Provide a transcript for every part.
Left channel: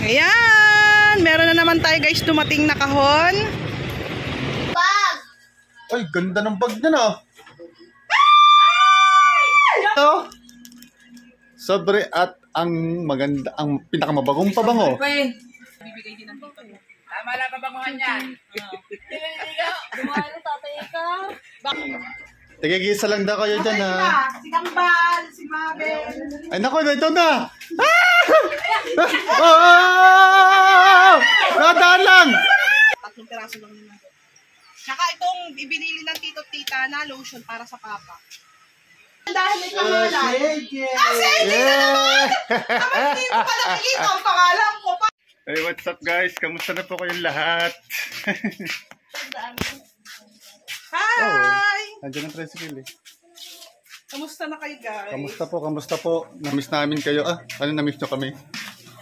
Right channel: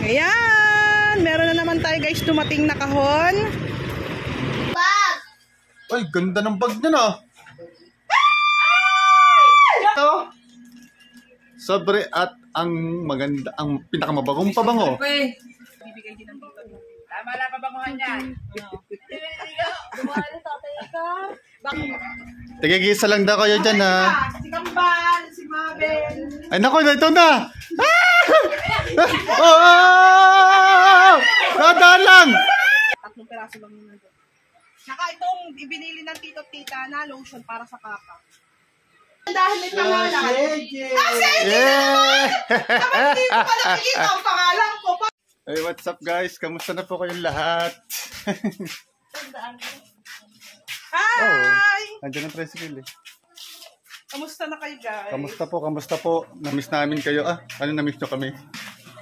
Ayan, meron na naman tayo guys dumating na kahon. Ay, ganda ng bag niya na. Ito. Sobre at ang maganda, ang pinakamabagong pabango. Bibigay din ng dito. Tama na pabanguhan yan. Dumalo tatay ka. Tigigisa lang daw kayo dyan ha. Si Kambal, si Mabel. Ay naku, ito na. Oh! Nadaan lang. 3 piraso lang naman doon. Tsaka itong ibinili ng tito at tita na lotion para sa papa. Dahil may pangalan. Yeah! Naman dito pa nakikita ang pangalan ko pa. Hey, what's up guys? Kamusta na po kayong lahat? Hi! Andiyan ang tricycle eh. Kamusta na kayo guys? Kamusta po, kamusta po? Namiss namin kayo. Ano namiss nyo kami?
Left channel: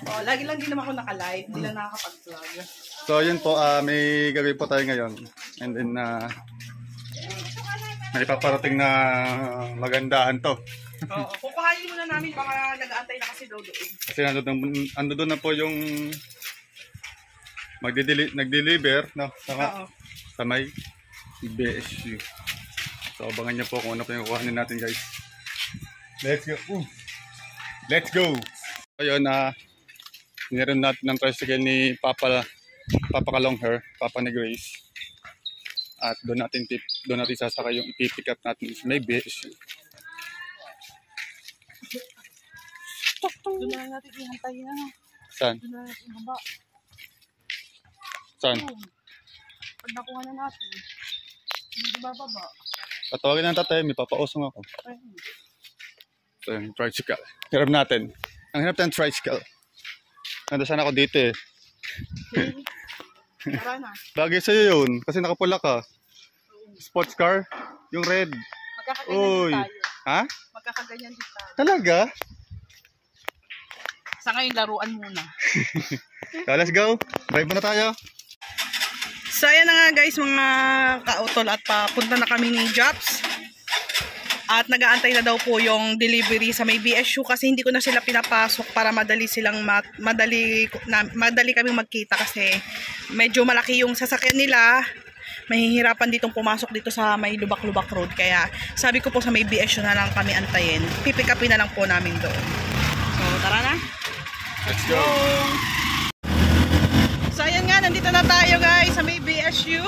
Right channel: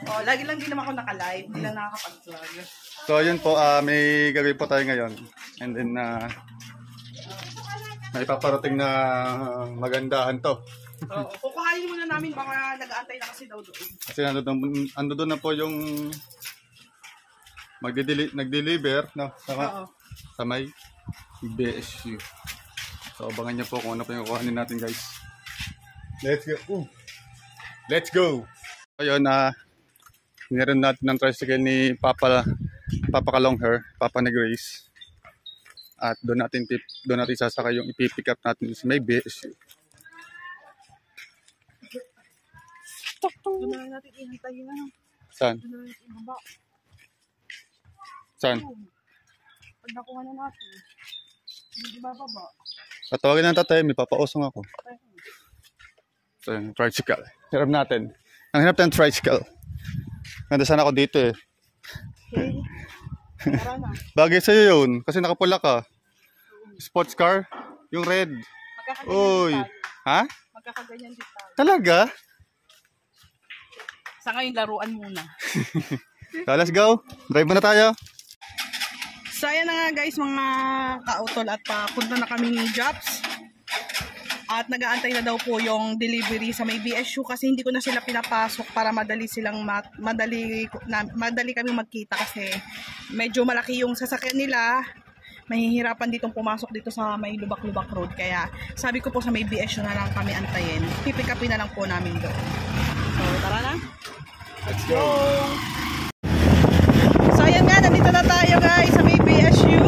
Oh, lagi lang din naman ako naka-live. Hindi lang nakakapag-vlog. So ayun po, may gagawin po tayo ngayon. And then, may paparating na magandahan to. Oo, kukuhanin muna namin baka nag-aantay na kasi daw doon. Kasi ando doon na po yung nag-deliver no? Sa may BSU. So abangan niyo po kung ano pa yung kukuhanin natin guys. Let's go! Let's go! Ayun nilaran natin ng tricycle ni Papa Kalongher, Papa ni Grace. At doon natin sasakay yung ipipick up natin sa may BSU. Doon na natin ihantay na. Saan? Doon na natin ibaba. Saan? Pag nakuha na natin, hindi bababa. Patawagin ng tatay, may papausong ako. So yun, tricycle. Hirap natin. Ang hirap ng tricycle. Ganda sana ako dito eh. Tara na. Bagay sa'yo yun, kasi nakapula ka. Sports car, yung red. Uy. Ha? Magkakaganyan din tayo. Talaga? Sa ngayon, laruan muna. So let's go. Drive na tayo. So ayan na nga guys mga kautol at papunta na kami ni Jops. At nag-aantay na daw po yung delivery sa may BSU kasi hindi ko na sila pinapasok para madali kaming magkita kasi medyo malaki yung sasakyan nila. Mahihirapan ditong pumasok dito sa may Lubak-Lubak Road. Kaya sabi ko po sa may BSU na lang kami antayin. Pipick upin na lang po namin doon. So tara na. Let's go. So ayan nga, nandito na tayo guys sa may BSU.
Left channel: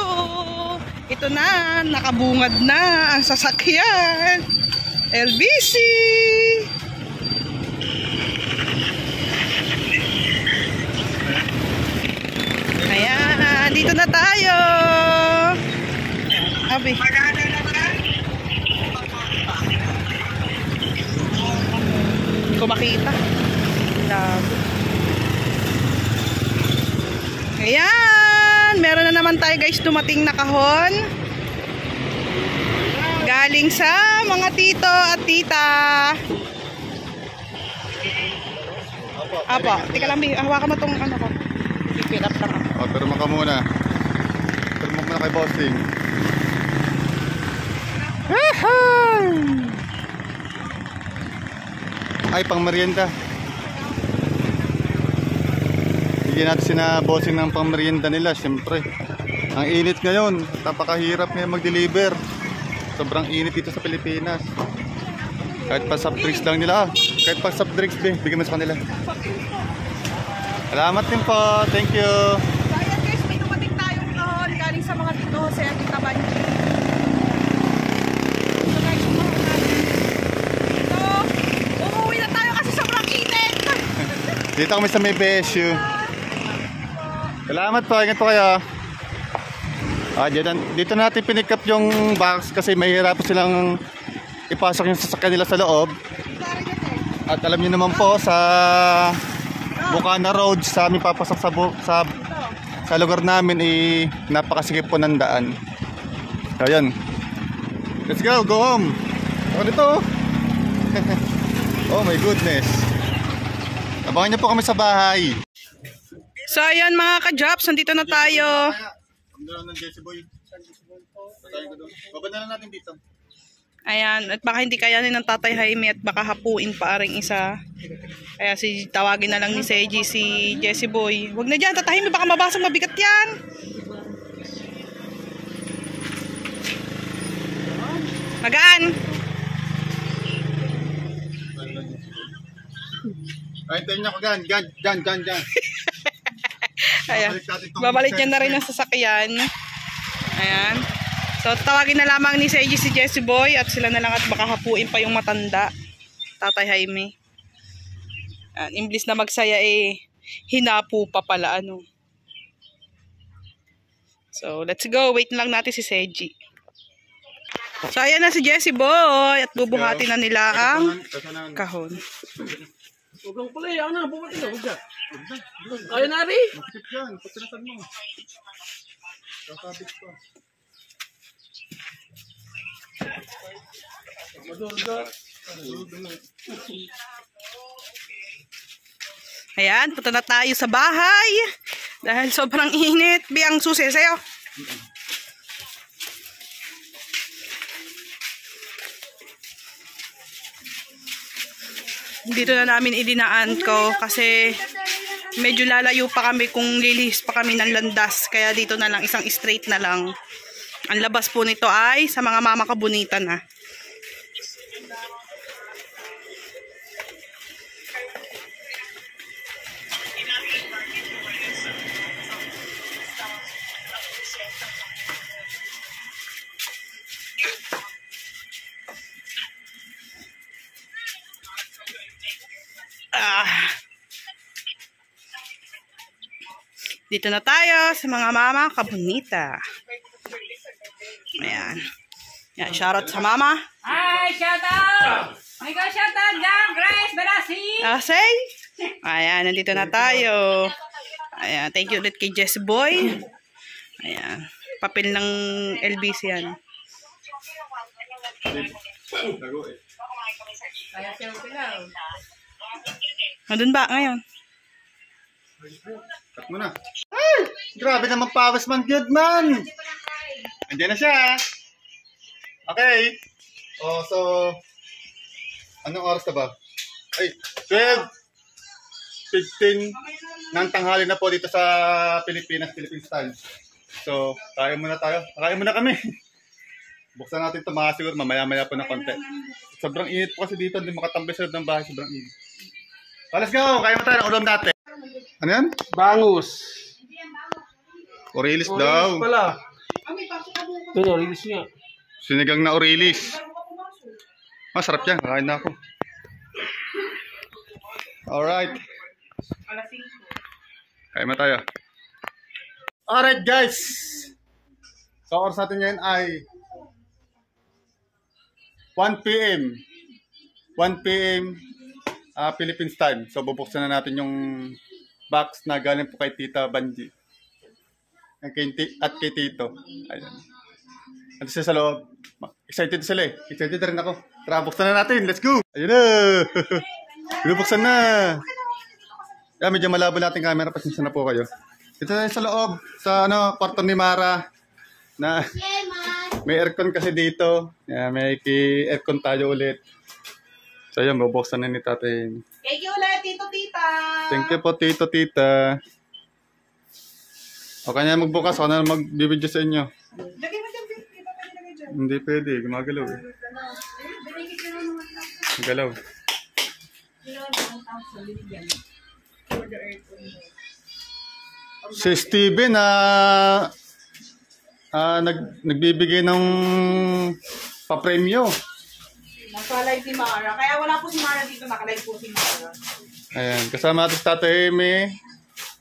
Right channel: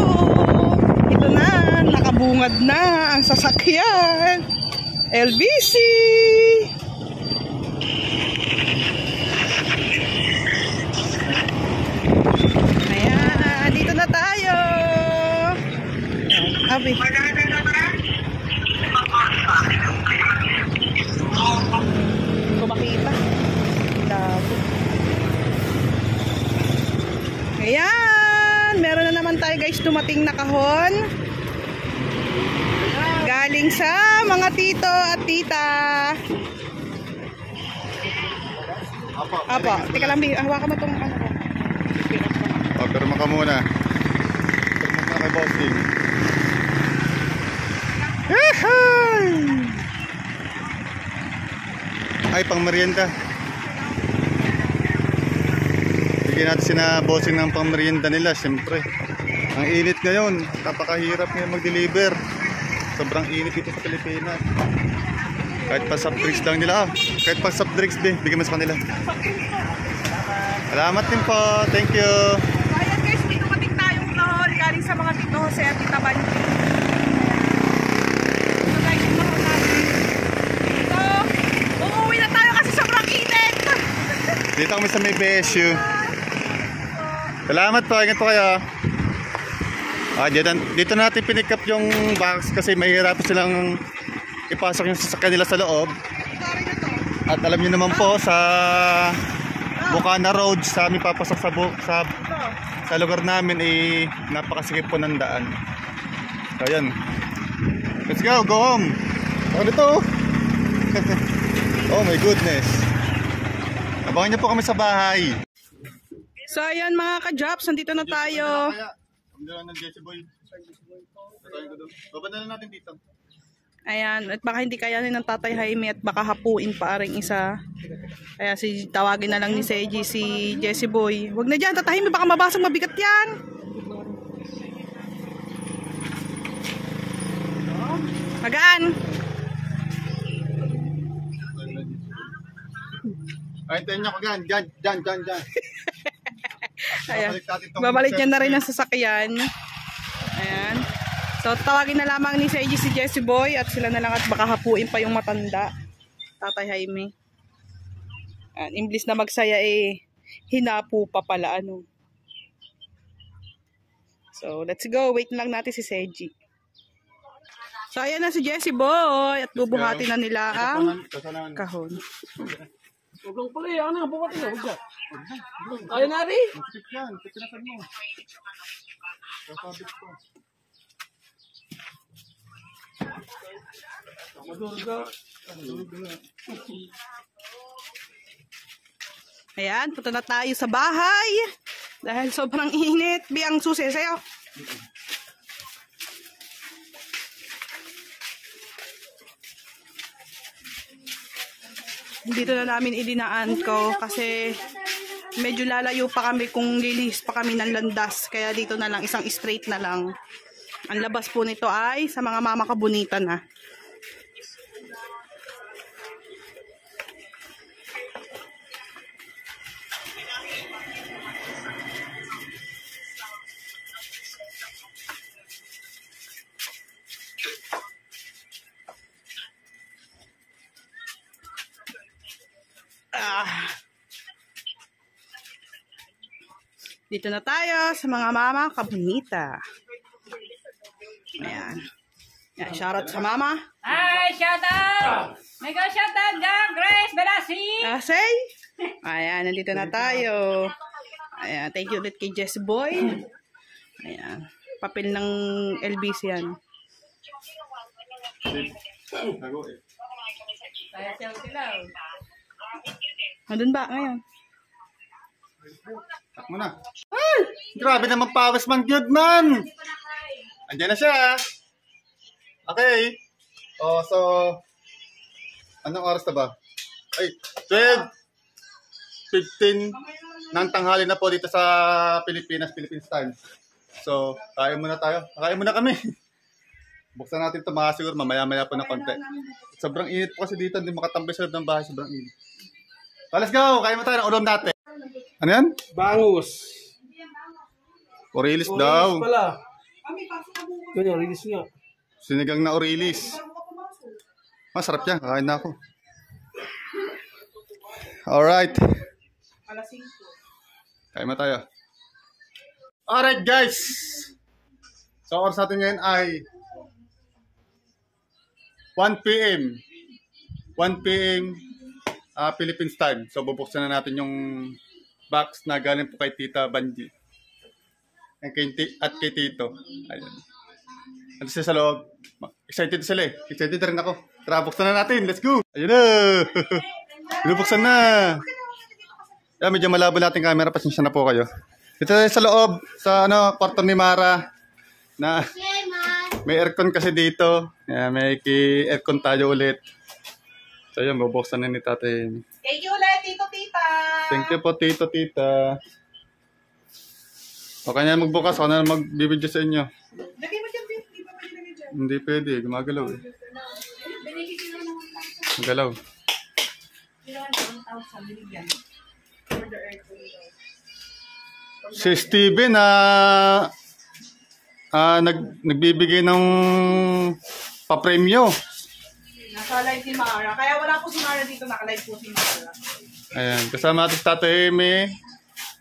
Ito na, nakabungad na ang sasakyan. LBC. Ayan, dito na tayo. Abi. Hindi ko makita. Labo. Ayan, meron na naman tayo guys dumating na kahon. Galing sa mga tito at tita. Apo, teka lang, hawakan mo tong ano ko. I-pick up lang. O, pero maka muna. Pero muna kay bossing. Ay, pang merienda. Bigyan natin sina bossing ng pang merienda nila, siyempre. Ang init ngayon, napakahirap ngayon mag-deliver. Sobrang init dito sa Pilipinas. Kahit pa soft drinks lang nila. Kahit pa soft drinks, bigyan mo sa kanila. Salamat din po. Thank you. So ayan guys, may dumating tayong kahon galing sa mga tito Jose at tita Banji. So guys, yung kahon natin. So, uuwi na tayo kasi sobrang init. Dito kami sa may BSU. Salamat po. Ingat po kayo. Dito natin pinick up yung box kasi mahirap silang ipasok yung sasakyan nila sa loob. At alam niyo naman po sa Bukana Road sa aming papasok sa lugar namin napakasikip po ng daan. So yun. Let's go home. Ako dito. Oh my goodness. Abangan niyo po kami sa bahay. So ayan mga ka-Jops, nandito na tayo. Ng Jesse Boy. Baba na lang natin dito. Ayan, at baka hindi kayanin ng Tatay Jaime at baka hapuin pa ring isa. Kaya tawagin na lang ni Seiji si Jessie Boy. Huwag na dyan, Tatay Jaime, baka mabasag, mabigat yan. Magaan. Ay, tayo niya ko dyan. Dyan. Ayan. Babalik niya na rin ang sasakyan. Ayan. So, tawagin na lamang ni Seiji si Jessie Boy at sila na lang at baka hapuin pa yung matanda. Tatay Jaime. Ayan. Imblis na magsaya hinapo pa pala ano. So, let's go. Wait lang natin si Seiji. So, ayan na si Jessie Boy at bubuhati na nila ang kahon. Huwag lang pala, ako na, bumati na, huwag siya. Kaya na rin. Masakit yan, pagkinasan mo. Kasabit pa. Ayan, punta na tayo sa bahay. Dahil sobrang init. Biyang susi sa'yo. Dito na namin idinaan ko kasi medyo lalayo pa kami kung lilihis pa kami ng landas. Kaya dito na lang, isang straight na lang. Ang labas po nito ay sa mga mama kabunita na. Dito na tayo sa mga mama kabunita. Ayan. Yan, shoutout sa mama. Hi, shout out! May ka shout out dyan, Grace Belasi! Asay. Ayan, nandito na tayo. Ayan, thank you ulit kay Jessie Boy. Ayan, papel ng LBC yan. Nandun ba ngayon? Cut mo na. Ay! Grabe naman pawis man, good man! Andiyan na siya. Okay. Oh, so, anong oras na ba? Ay, 12:15 ng tanghali na po dito sa Pilipinas, Philippine style. So, kain muna tayo. Kain muna kami. Buksan natin ito mga siguro mamaya-maya po ng konti. Sobrang init po kasi dito, hindi makatambay sa loob ng bahay, sobrang init. So, let's go! Kain mo tayo ng ulam natin. Ano yan? Bangus. Orilis daw. Orilis pala. Ito, orilis nga. Sinigang na orilis. Masarap yan. Kakain na ako. Alright. Kain mo tayo. Alright guys. So oras natin ngayon ay 1 p.m. 1 p.m. Philippines time. So bubuksan na natin yung box na galing po kay Tita Banji. At kay Tito. Ayan. Ano siya sa loob? Excited sila eh. Excited rin ako. Tara, buksan na natin. Let's go! Ayun na! Binubuksan na! Yeah, medyo malabo natin camera. Pasensya na po kayo. Ito sa loob. Sa kwarto ni Mara. Na may aircon kasi dito. Yeah, may aircon tayo ulit. So yun, bubuksan na ni Tatay. Thank you ulit, Tito Tita. Thank you po, Tito Tita. O kanya magbukas. Ako na magbibidyo sa inyo. Lagay mo dyan, Pete. Hindi pa pwede lagay dyan. Hindi pwede. Gumagalaw eh. Gumagalaw. Si Steven nagbibigay ng pa-premyo. Nasa live si Mara. Kaya wala po si Mara dito. Naka-live po si Mara. Ayan, kasama natin si Tatay Amy,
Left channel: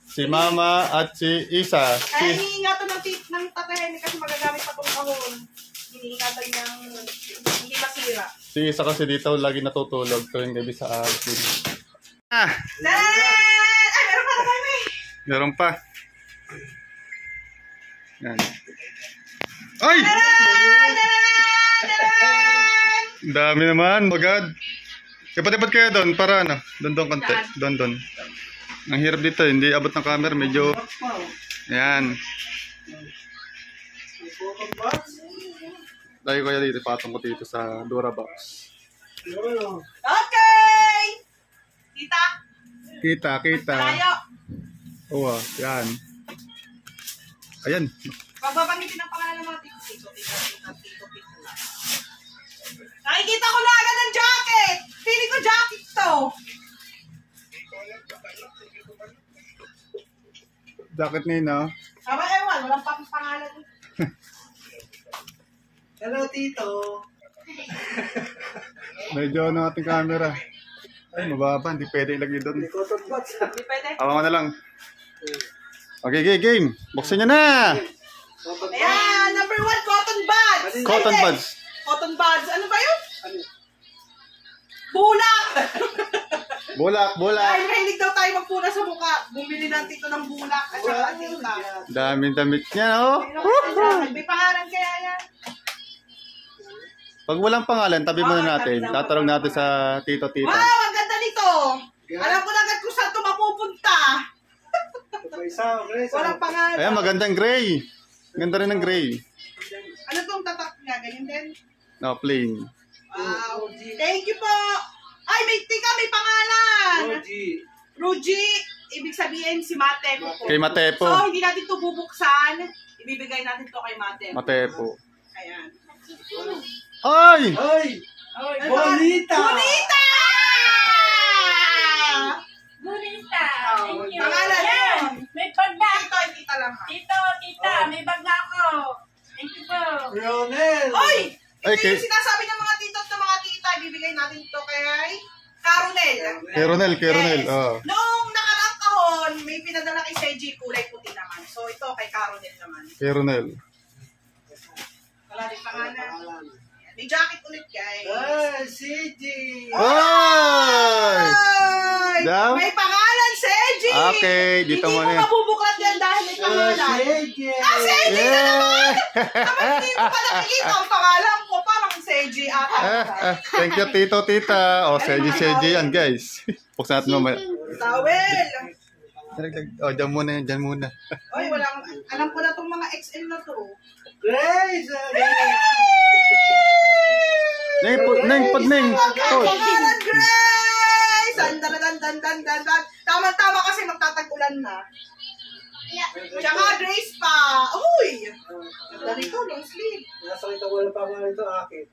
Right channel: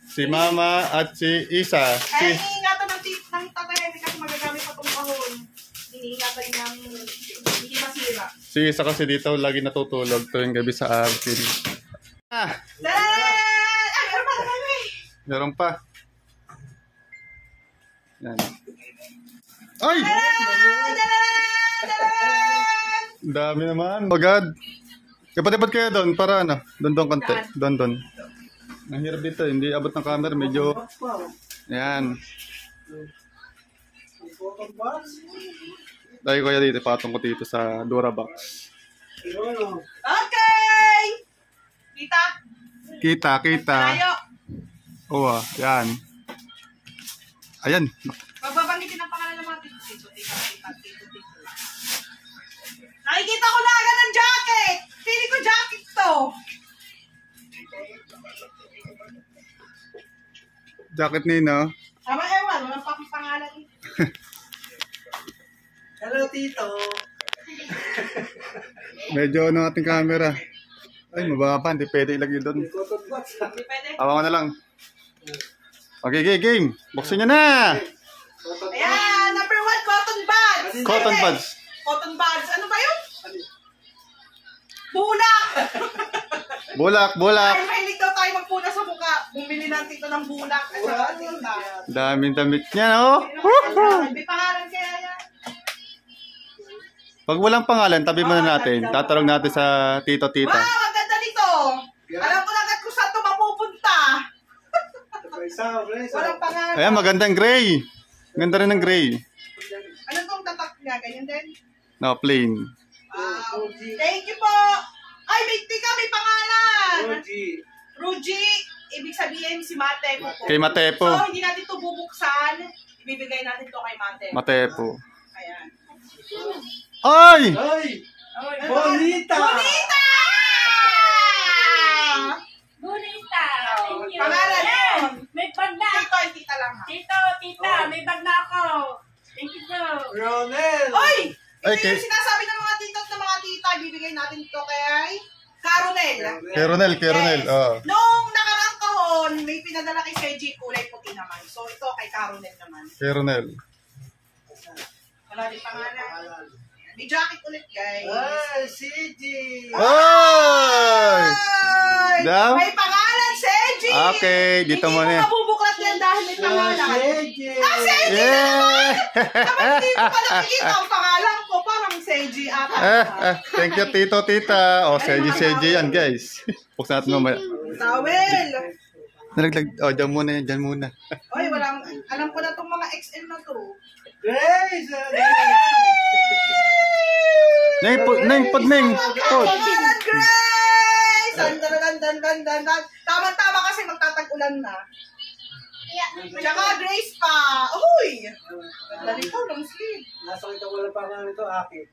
si Mama at si Isa. Kaya iniingatan ng Tatay Jaime kasi magagamit pa itong kahon. Iniingatan niyang hindi masira. Si Isa kasi dito lagi natutulog tuwing gabi sa akin. Ay, meron pa Tatay Jaime! Meron pa. Yan. Ay! Ang dami naman, magad. Dapat kayo doon para doon konti. Doon. Ang hirap dito, hindi abot ng camera, medyo. Yan. Tayo kaya dito, patong ko dito sa Durabox. Okay! Kita? Kita. Malayo. Oo, yan. Ayan. Pagbabanggitin ang pangalan ng mga tito. Nakikita ko na agad ng jacket! Pili ko jacket to! Jacket Nino. Aba, ewan. Walang pangalan. Hello, Tito. Medyo ano ating camera. Ay, mababa. Hindi pwede ilagay doon. Cotton buds. Hindi pwede. Awa na lang. Okay, game. Buksan nyo na! Ayan, number 1, cotton buds. Cotton Pwede. buds. Cotton buds. Ano ba yun? Bulak! Bulak. Ay, mahilig daw tayo magpuna sa mukha. Bumili ng tito ng bulak. At saka tita. Daming damit niya, oh. May pangalan kaya yan. Pag walang pangalan, tabi muna natin. Tatarong natin sa tito-tita. Wow, ang ganda nito. Alam ko na agad kung saan ito mapupunta. Walang pangalan. Ayan, magandang gray. Ganda rin ng gray. Ano itong tatak niya? Ganyan din? No, plain. Wow. Thank you po. Ay, may pangalan. Ruji. Ibig sabihin si Matepo po. Kay Matepo. So, hindi natin ito bubuksan. Ibibigay natin ito kay Matepo. Matepo. Ayan. Ay! Ay! Bonita! Bonita! Bonita. Thank you. Pangalan Ayan, yun. may bag na. Tito, ay tita lang ha. Tita, may bag na ako. Thank you po. Ronel! Oy! Ay, Ito kay- yung sinasabi ng mga tito at ng mga tita. Ibibigay natin ito kay Caronel. Kay Ronel. Oh. Noong nakaraang kahon, may pinadala kay Seji, kulay puti naman. So, ito kay Caronel naman. Kay Ronel. Wala rin pangalan. May jacket ulit, guys. Ay, CG! Ay! Ay! Daw? May pangalan, Seji! Okay, dito Hindi muna mo yan. mabubuklat yan dahil may pangalan. CG! Ah, Seji! Yeah! Kapag hindi ko pa nakikita ang pangalan ko, parang Seji ata. Thank you, tito-tita. O, seji yan, guys. Buksan natin mamaya. Towel! Nalaglag. O, dyan muna yan, dyan muna. Oy, walang, alam ko na itong mga XL na to. Grace! Neng, pod. Pangalan, Grace! Dan. Tama-tama kasi magtatag-ulan na. Tsaka Grace pa. Uy! Ganda nito, long sleeve. Nasakita ko lang pangalan ito, akin.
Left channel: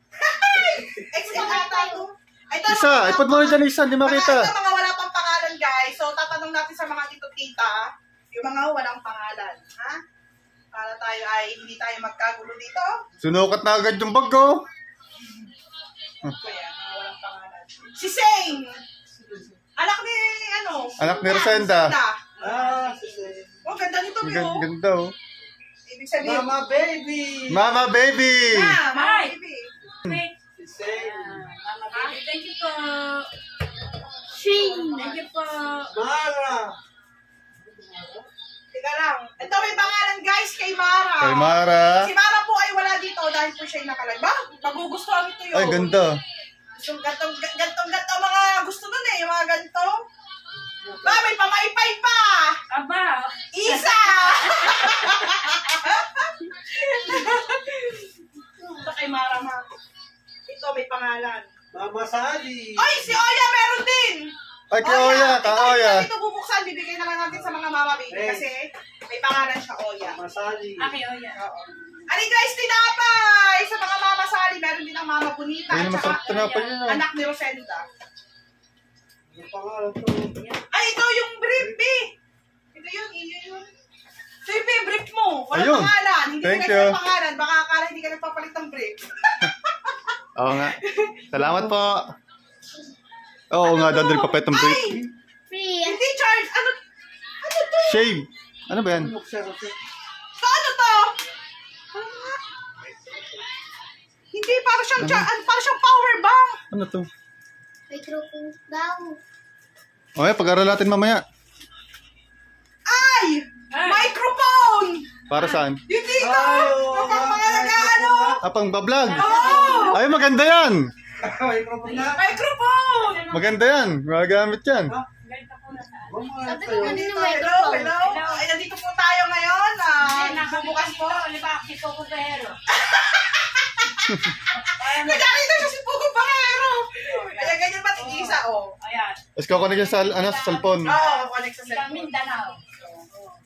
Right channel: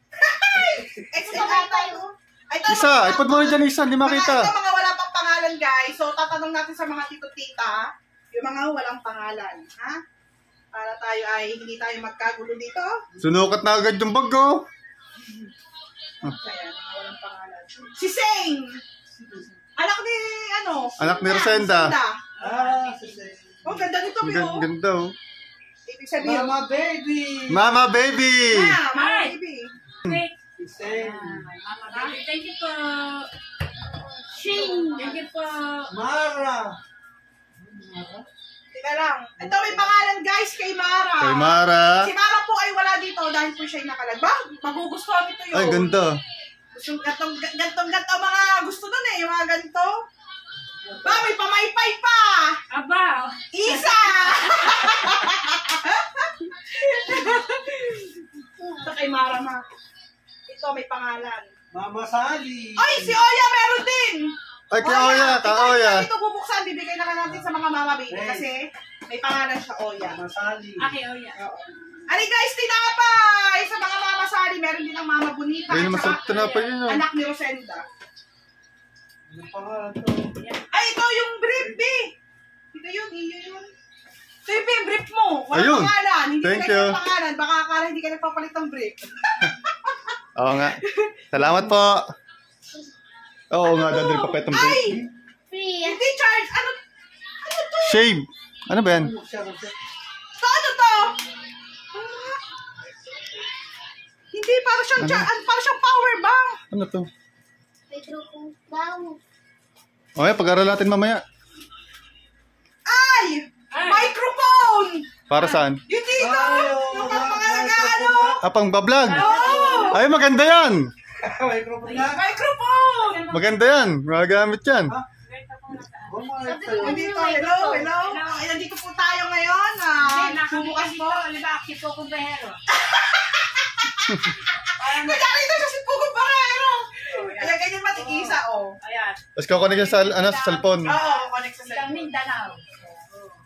XL ata ito. Ay, ito, Isa, ipod mo rin dyan isa, hindi makita. Ito, mga wala pang pangalan, guys. So, tatanong natin sa mga tito-tita, yung mga walang pangalan. Ha? Para tayo ay hindi tayo magkagulo dito. Sunukat na agad yung bag ko. Kaya, mga walang pangalan. Si Seng! Anak ni, Anak ni Rosenda. Ah, CG! Oh, ganda nito, Pio. Ganda, oh. Ibig sabihin, Mama baby! Mama baby! Mama Hi. baby. Quick. Sing! Mama baby, thank you po. Shing. Thank you po. Mara! Teka lang. Ito may pangalan, guys, kay Mara. Kay Mara. Si Mara po ay wala dito dahil po siya ay nakalag. Ba? Magugustuhan ito yun. Ay, ganda. Gusto, gantong mga gusto nun eh. Yung mga ganito. Ba, may pamaypay pa. Aba. Isa! Ito kay Mara na. Ito may pangalan. Mama Sally! Ay, si Oya meron din! Ay, kay Oya, kay Oya. Ito bubuksan, bibigay na lang natin sa mga mama baby Hey. kasi may pangalan siya Oya. Mama Sally! Okay, oh yeah. Oo. Ano guys, tinapay! Sa mga mama sali, meron din ang mama bonita Ay, at masarap saka tinapay yun, oh. anak ni Rosenda. Yung pangalan to. Ay, ito yung brief, B. Ito yun, iyo yun. Ito yung brief mo. Walang Ayun. pangalan. Hindi Thank ka you. pangalan. Baka akala hindi ka nagpapalit ng brief. Oo nga. Salamat po. Oo nga, doon din papetong break. Ay! Hindi charge. Ano to? Shave. Ano ba yan? Ano to? Hindi, para siyang, para siyang power bank. Ano to? Microphone daw. Okay, pag-aral natin mamaya. Ay! Microphone! Para saan? Yung dito! Yung mga nag-ano! Pang bablog. Oh! Ay, maganda yan. Microphone na! Microphone! Maganda yan. Magagamit yan. Nandito, hello. Ay, nandito po tayo ngayon. Bubukas po. Liba, kito ko behero. Nagkakita siya si Pugo Barrero. Kaya ganyan matigisa, oh. Ayan. Tapos kukunin niya sa, ano, sa cellphone. Oo, connect sa Ikaw cellphone. Mindanao.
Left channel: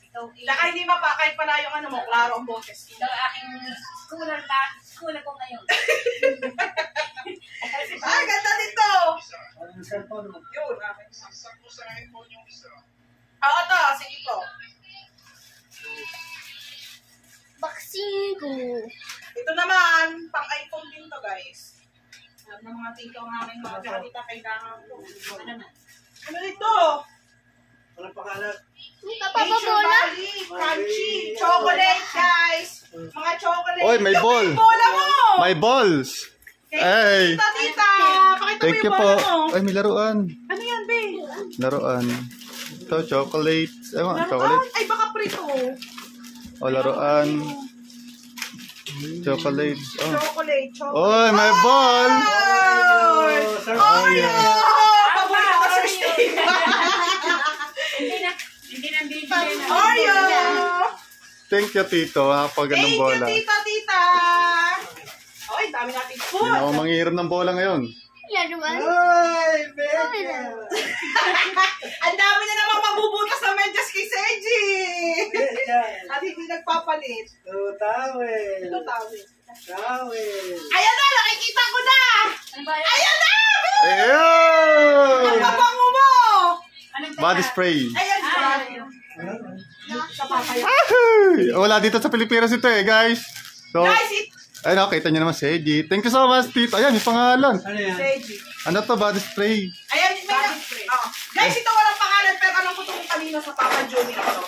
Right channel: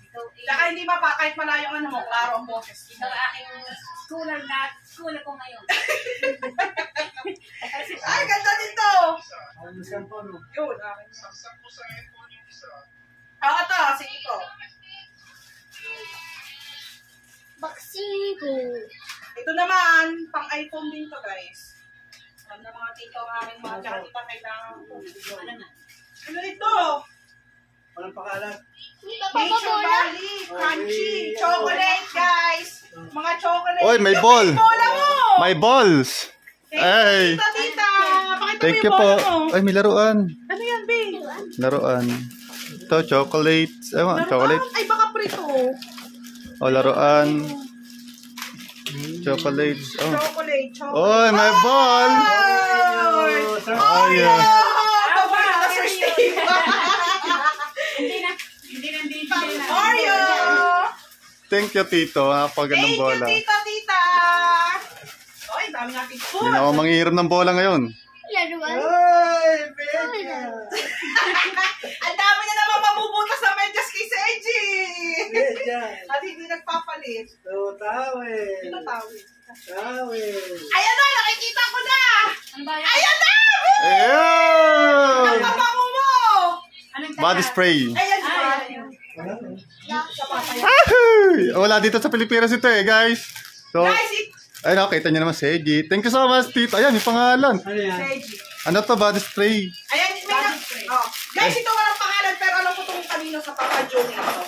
Ikaw, Saka hindi pa, kahit malayo ang ano mo, klaro ang boses. ikaw aking scholar ko ngayon. Ay, ganda nito. Ang cellphone mo. Yun, akin. Oo, to, sige po. Vaccine ko. Ito naman, pang iPhone din to, guys. Alam na mga tito ang aking mga tita kailangan ko. Ano naman? Ano nito? Walang pakalat. Hindi ka Nature papabola. Valley, crunchy, chocolate, guys. Mga chocolate. Oy, may Yung ball. bola mo. My balls! Hey! Tita, tita. Pakita Thank mo you yung po. bola mo. Ay, may laruan. Ano yan, be? Laruan. Ito, chocolate. Ewan, chocolate. Ay, baka prito. O, laruan. Chocolate. Oh. Chocolate, chocolate. Oy, may ball! Oh, Ay, ah. paborito na Sir Steve. Hindi nandito na. Oreo! Thank you, Tito. Pag Thank ng you, bola. tita, tita. Oy, dami natin food. Hindi na ako manghihiram ng bola ngayon. Laruan. Ay, Becca! Ang dami na naman mabubutas ng medyas kay Seji. Becca! At hindi nagpapalit. Ito, tawel. Ito tawid. Tawel. Ayan na, nakikita ko na. Ano ba yan? Ayan na! Ayun! Ang pabango mo. Anong Body spray. Ayan siya. Sa Ay! Wala dito sa Pilipinas ito eh, guys. So, Guys, ay, nakita niyo naman, Seji. Thank you so much, Tito. Ayan, may pangalan. Ano yan? Seji. Ano to, body spray? Ayan, may na. Oh. Guys, ito walang pangalan, pero alam ko itong kanino sa Papa Johnny ito.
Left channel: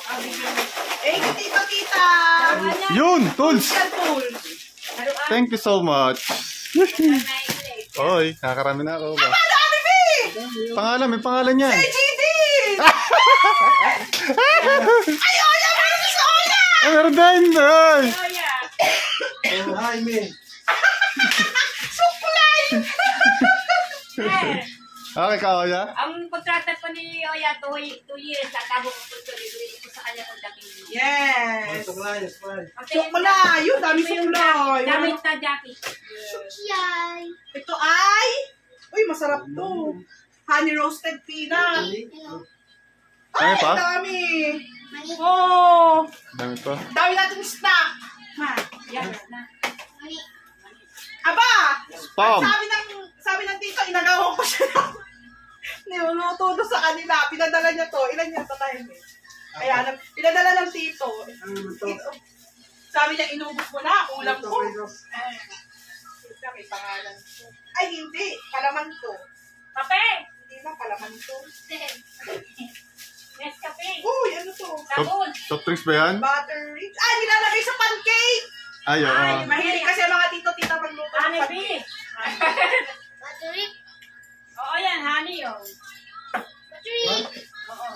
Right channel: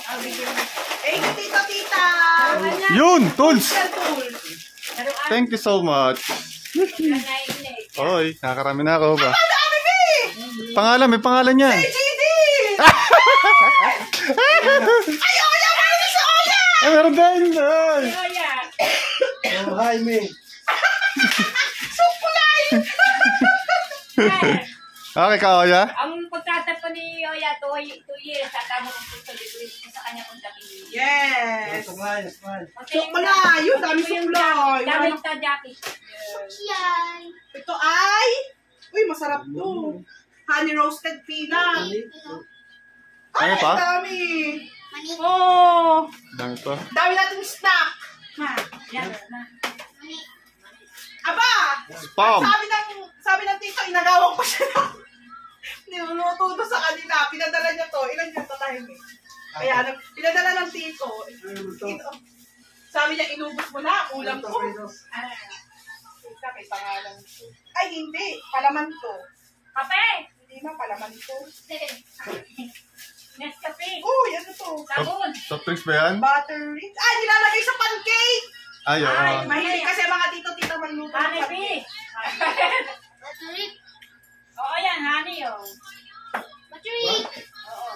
Thank you, tita, tita. Yun, tools. Yan, tools. Thank you so much. Naiinig. Oy, nakakarami na ako ba? Ang dami, B! Pangalan, may pangalan yan. GD! Ay, Oya! Meron si Oya! Ay, meron din. Ay. Oya. Oh, Jaime. Sukulay! Okay ka, Oya? Ang kontrata pa ni Oya, 2 years. Tatabo ko po ito sa kanya pagdating. Yes! Supply, supply. Sukulay! Yun, dami sukulay. Dami ta jacket. Yay. Ito ay... Uy, masarap to. Honey roasted peanut. Ano pa? Dami. Mani. Oh, Dami pa. dami natin snack. Ma. Yan na. Mani. Aba! Spam. Sabi ng tito, inagawan ko siya ng niluluto to sa kanila. Pinadala niya to. Ilan yan to time eh. Kaya pinadala ng tito. Ano naman to? Ito. Sabi niya, inubos mo na. Ulam Ito, ko. pero- Ah. Ito, may pangalan to. Ay, hindi. Palaman to. Kape! Hindi na, palaman to. Nescafe! Uy, ano to? Sabon! Soft drinks ba yan? Butter rich. Ay, nilalagay sa pancake! Ay, oo. Ay, mahilig kasi mga tito-tita magluto ng Honeybee! pancake. Battery. Oo yan, honey oh. Battery. Oo.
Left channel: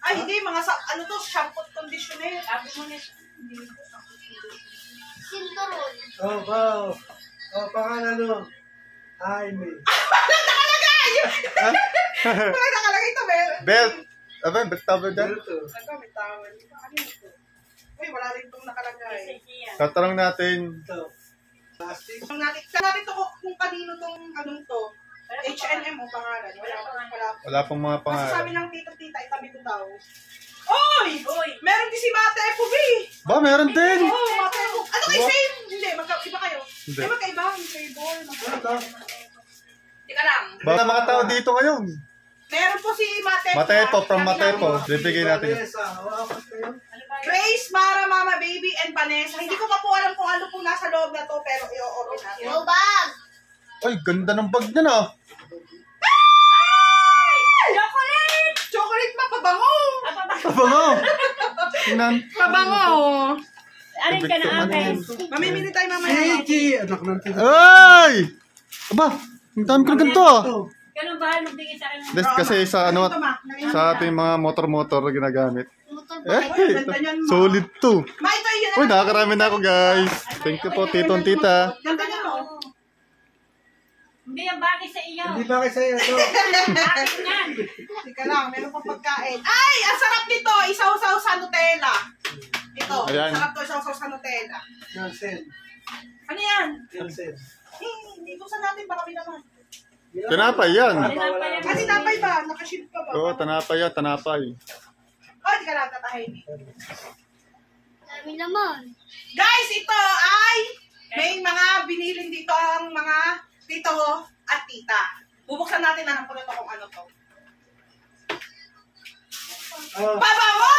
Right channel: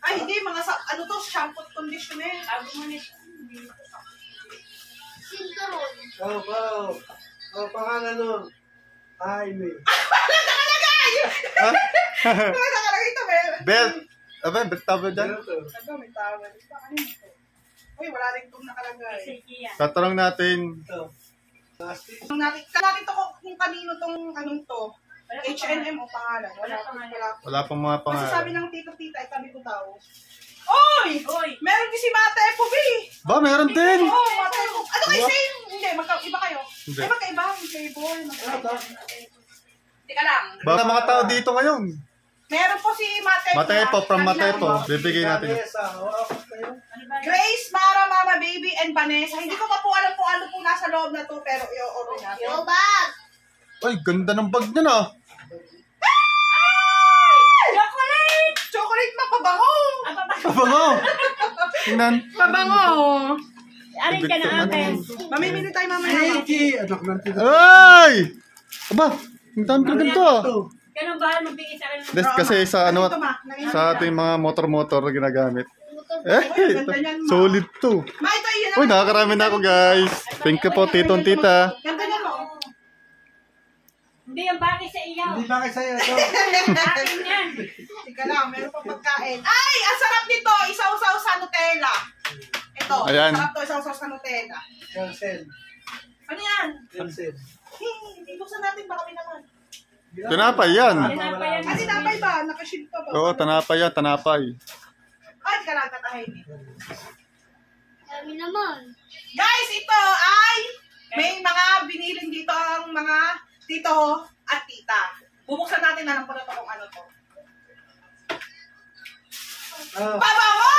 Ay, hindi. Mga ano to? Shampoo at conditioner. Sabi mo na Sinturon. Oh, wow. Oh, pangalan mo. Jaime. Ano nakalagay ito, Bel? Belt. Aba, belt tawag dyan. Ano to? Ano, may tawag. Ano yun ito? Uy, wala rin itong nakalagay. sige yan. Tatanong natin. Ito. Plastic. Tingnan natin to kung kanino tong anong to. H&M o pangalan. Wala. Wala pang mga Kasi sabi pangalan. ng tito-tita, itabi ko daw. Oy! Uy! Meron din si Mate FB. Ba, meron din. Oo, Mate FB. Ano kayo, same? Hindi, iba kayo. Hindi. Ay, magkaiba. Yung flavor. Ano to? Teka lang. Ba, mga tao dito ngayon. Meron po si Mate. Matepo, from Matepo. Bibigay natin. Vanessa, hawakan kayo. Ano ba yan? Grace, Mara, Mama, Baby, and Vanessa. Hindi ko pa po alam kung ano po nasa loob na to, pero i-open natin. Yo, bag. Ay, ganda ng bag niya na. Chocolate! Chocolate mapabango! Pabango. Tingnan. Pabango! Arin ka na Ano yan? akin. Mamimili tayo mamaya. Nikki! Anak ng tito. Ay! Aba, ang dami ko na ganito ah. Ito. Ganun bahal magbigay sa akin. Des, kasi sa ano, Ito, Ma. Nakita sa ating mga motor-motor na ginagamit. Motor. Eh, ganda niyan, Ma. solid to. Ma, ito yun. Uy, nakakarami na ako guys. Thank you po, tito and tita. Ganda niyan, oh. Hindi yung bagay sa iyo. Hindi ba kayo sa'yo ito? Akin yan. Teka lang, meron pa pagkain. Ay, ang sarap nito. Isaw-saw sa Nutella. Ito, Ayan. sarap to, isaw-saw sa Nutella. Cancel. Ano yan? Cancel. Hindi buksan natin, baka may naman. Tinapay yan. Ah, tinapay ba? Nakashield pa ba? Oo, tanapay yan, tanapay. Ah, di ka lang tatahimik. Dami naman. Guys, ito ay may mga binilin dito ang mga tito at tita. Bubuksan natin na po na to kung ano to. Pabango!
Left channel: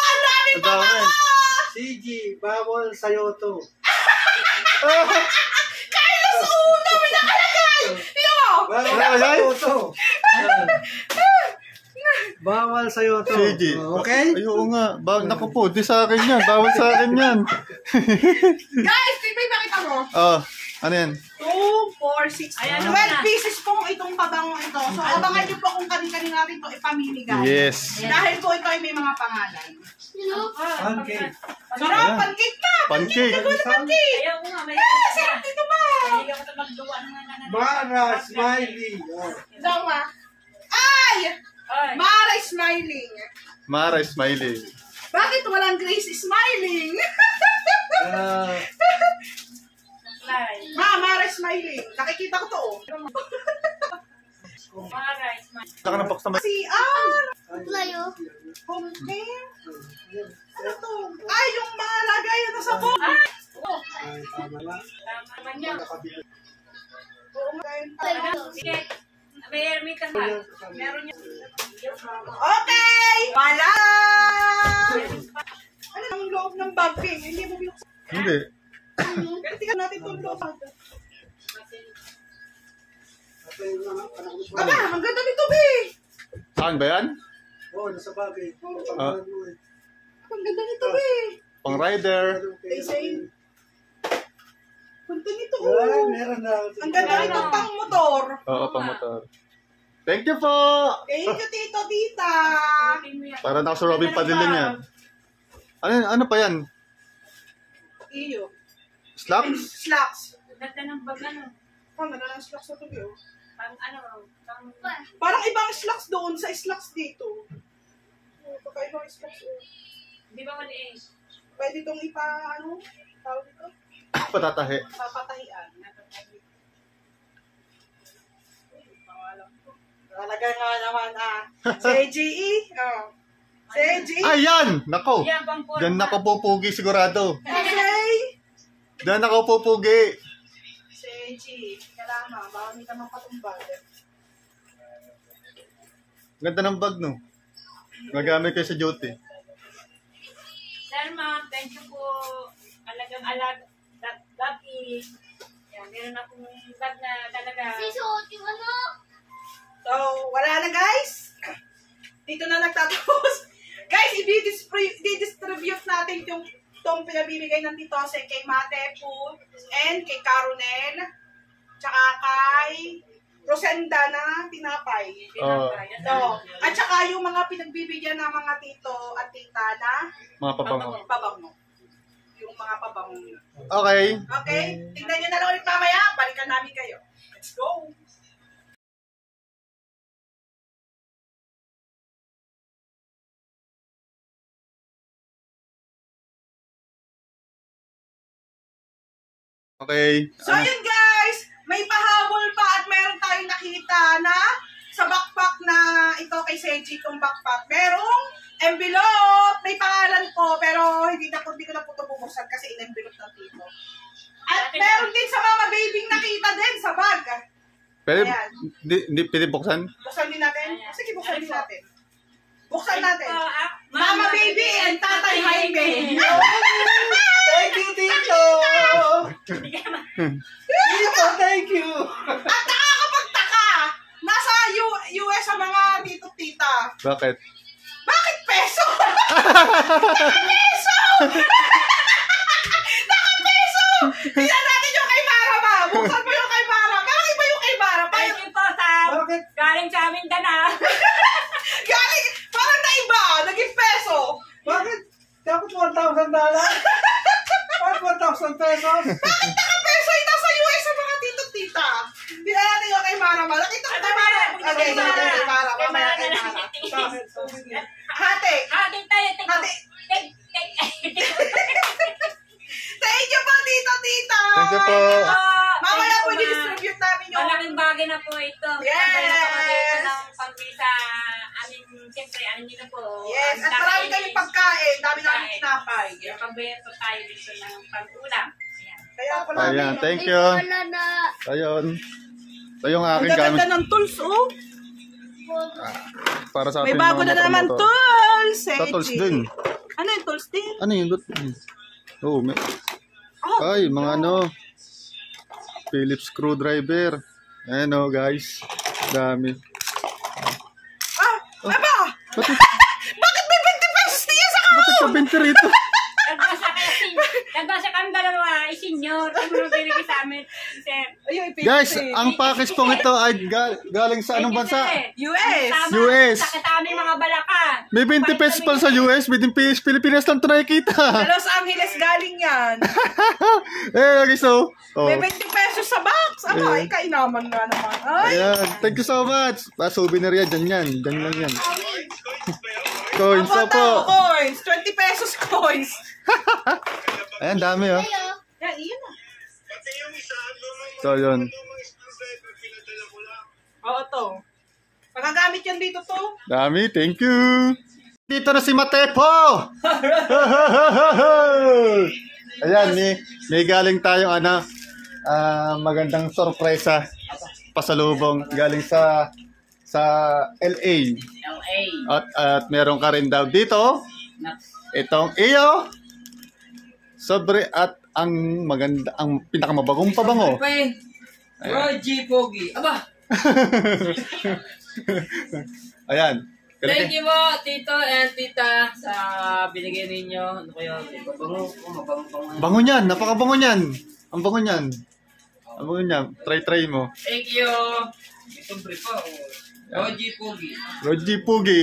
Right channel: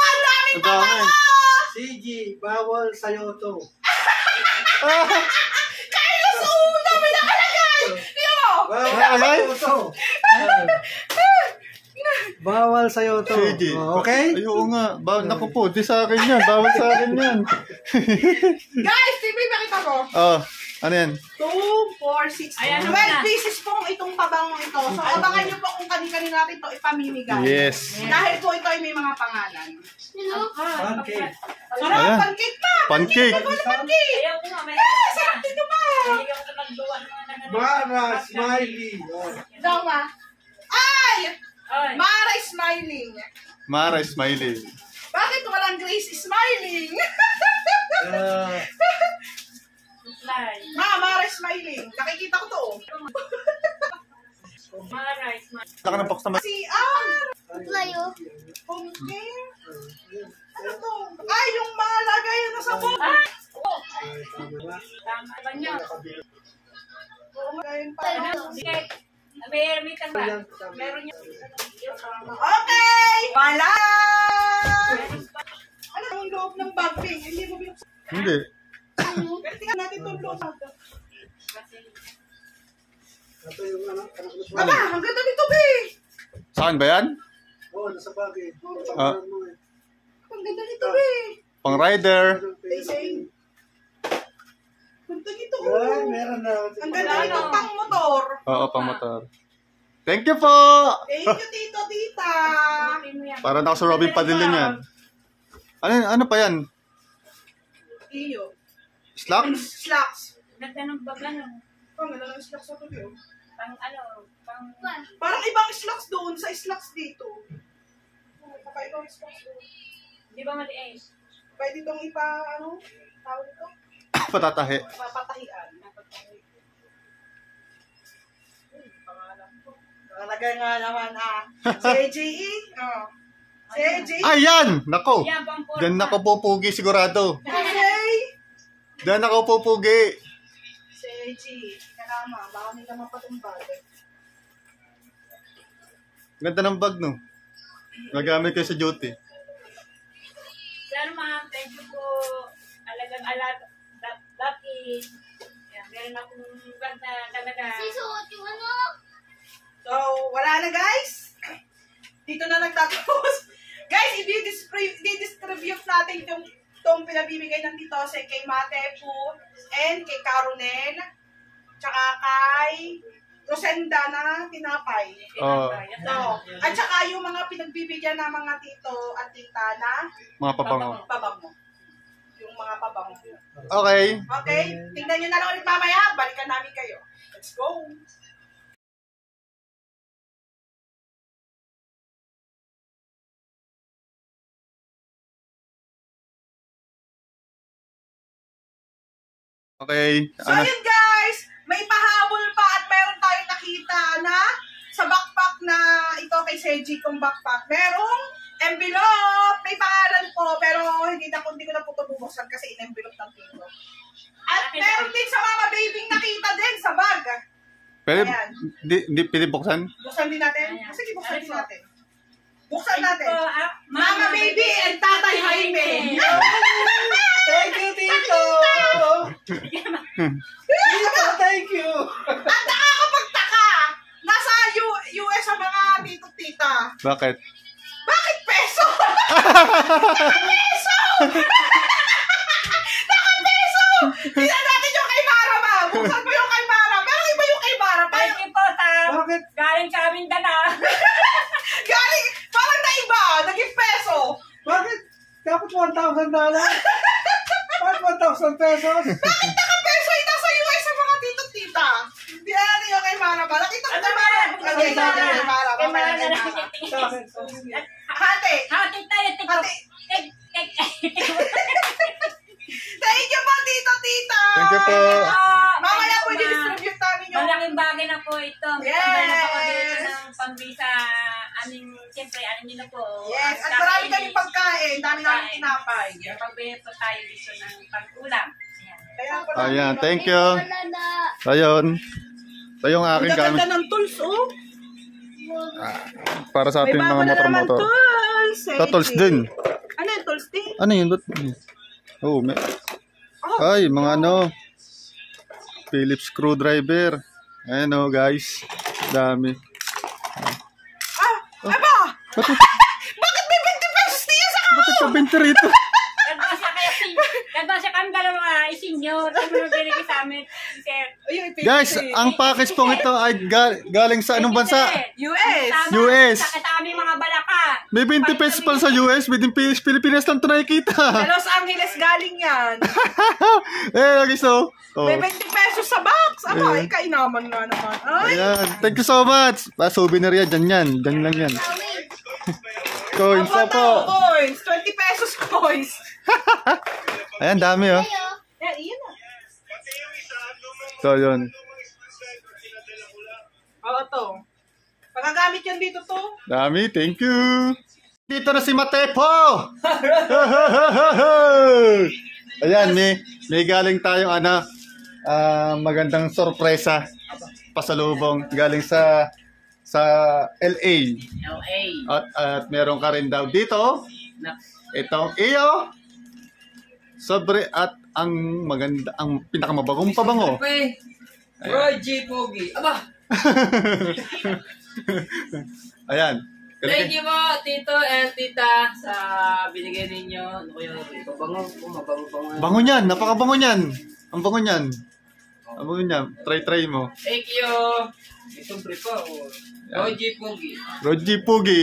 Ang daming Ang dami. pabango! CG, bawal sa'yo to. Carlos, dami nakalagay! Tingnan mo! Bawal Nakalagay? sa'yo to. Bawal sa'yo to. Sige. Okay? Ay, oo nga. Naku po, di sa akin yan. Bawal sa akin yan. Guys, TV, makita mo. Oh, ano yan? 2, 4, 6, 12 pieces pong itong pabangong ito. So, abangan nyo po kung kanina natin ito ipamimigay. Yes. Dahil po ito ay may mga pangalan. Sino? Pancake. Sarap, Ayan. pancake pa! Pancake. Ikaw na pancake! Ayaw ko nga, may Sarap dito ba? Ayaw ko magduwa ng mga nanganak. Mara, smiley. Oh. Dawa. Ay! Oy, Mara smiling. Mara smiling. Bakit walang Grace smiling? fly. Mara smiling. Nakikita ko to. Maray, smile. Saka ng box naman. Si R. Playo. Pumpkin. Ano to? Ay, yung mga lagayan na sa box. Oh, Tama na. tama ba niyo? Oo, lagayan pa. Ano? Sige. May ka ba? Meron niyo. Okay! Wala! Ano ang loob ng bag, Ping? Hindi mo binuksan. Hindi. Pero tingnan natin itong loob. Ito yung anak ko. Aba, ang ganda nito, Ping! Saan ba yan? Oo, nasa bagay. Ah. Pagkakaan mo eh. Ang ganda nito, Ping! Pang rider. Same. Ganda nito, Ay, oh. meron na. Ang ganda nito pang motor. Oo, pang motor. Thank you po! Thank you, Tito, Tita. Para na ako sa Robin Padilin yan. Ano pa yan? Iyo. Slacks? Slacks. Ganda ng bag ano. Oh, ganda ng slacks na to, Bio. Pang ano, pang... Parang ibang slacks doon sa slacks dito. Oh, baka ibang slacks. Oh. Di ba maliit? Pwede itong ano? Tawag ito? Patatahe. Papatahian. Pangalan ko. Nakalagay nga naman si AJE. Oh. Si AJE. Ay, yan! Nako! Yan, pang porma. Diyan ako pupugi sigurado. Okay. Diyan ako pupugi. Si AJE. Kalama. Baka may naman patumbag. Ganda ng bag, no? Nagamit kayo sa duty. Sir, ma'am, thank you po. Alagang-alag. That is... Yan, meron akong bag na talaga. Sisuot yung ano? So, wala na guys. Dito na nagtatapos. Guys, i-distribute natin itong pinabibigay ng Tito Jose kay Mate Po and kay Caronel tsaka kay Rosenda na tinapay. Oh. So, at saka yung mga pinagbibigyan ng mga tito at tita na Mga pabango. pabango. Yung mga pabango. Okay. Okay? Tingnan nyo na lang ulit mamaya. Balikan namin kayo. Let's go! Okay. So, ayun guys! May pahabol pa at mayroon tayong nakita na sa backpack na ito kay Seiji kong backpack. Merong envelope! May pangalan po, pero hindi ko na po ito bubuksan kasi in-envelope ng tito. At meron din sa mama baby nakita din sa bag. Pwede, Ayan. hindi pwede buksan? Buksan din natin? Ayan. Sige, buksan Ayan din po. natin. Buksan natin. Ito, Mama baby and Tatay Jaime. Thank you, Tito! Tito, thank you! At nakakapagtaka, nasa US ang mga tito-tita. Bakit? Bakit peso? Peso! Naka-peso! Tingnan natin yung kay Mara ba? Buksan mo yung kay Mara. Pero iba yung kay Mara. Thank you po sa... Bakit? Galing sa amin dana. Galing, parang naiba. Naging peso. Bakit? Dapat $1,000? Bakit 1,000 pesos? Bakit naka-peso yung nasa US ang mga tito-tita? Tingnan natin yung kay Mara ba? Nakita ko Ano kay ba? Mara. Okay, kay Mara. Mamaya kay Mara. Hati. Hati tayo. Hati. Thank you po, tito-tita. Thank you po. po. Mamaya po i-distribute namin yung... Malaking bagay na po ito. Yes! Pagdala ko dito ng pambisa. Aming, siyempre, ano nyo na po. Yes, ang at marami dami- kaming pagkain. Dami namin tinapay. Pagbili po tayo dito ng pag-ulam. Ayan. Kaya pala. Ayan, thank you. Wala na. Ayun. Ito yung Ang aking gamit. gaganda ng tools, oh. Para sa May ating bago mga na naman motor-motor. tools. Ito, tools din. Ano yung tools din? Ano yun? Oh, may... Ay, mga ano. Phillips screwdriver. Ayan o, guys. Dami. Aba! Bakit? Bakit may 20 pesos niya sa Bakit ka 20 rito? Nagbasa kami dalawa, isinyor. Ay, mga binigay sa amin, sir. Ayun, Guys, ang package pong ito ay galing sa anong bansa? US! Tama, US. sa aming mga balakan. May 20 pesos pala sa US, within Pilipinas lang ito nakikita. Sa Los Angeles galing yan. Lagi so. Oh. May 20 pesos sa box. Aba, kainaman nga naman. Ay! Ayan, thank you so much. Souvenir yan, dyan lang yan. Coins Apa po. coins. 20 pesos coins. Ayan, dami oh. Yan, iyan na. So, yun. Oo, to. Pagagamit yan dito to. Dami, thank you. Dito na si Matepo. Ayan, may galing tayong magandang sorpresa pasalubong galing sa LA. LA. At meron ka rin daw dito. Itong iyo. Sobre at ang maganda, ang pinakamabagong pabango. Roy G. Pogi. Aba! Ayan. Thank you po, Tito and Tita, sa binigay ninyo. Ano kaya? Mabango. Mabango. Bango niyan, napakabango niyan. Ang bango niyan. Ang bango niyan. Try mo. Thank you. Itong brief pa. Roy G. Pogi. Roji Pugi.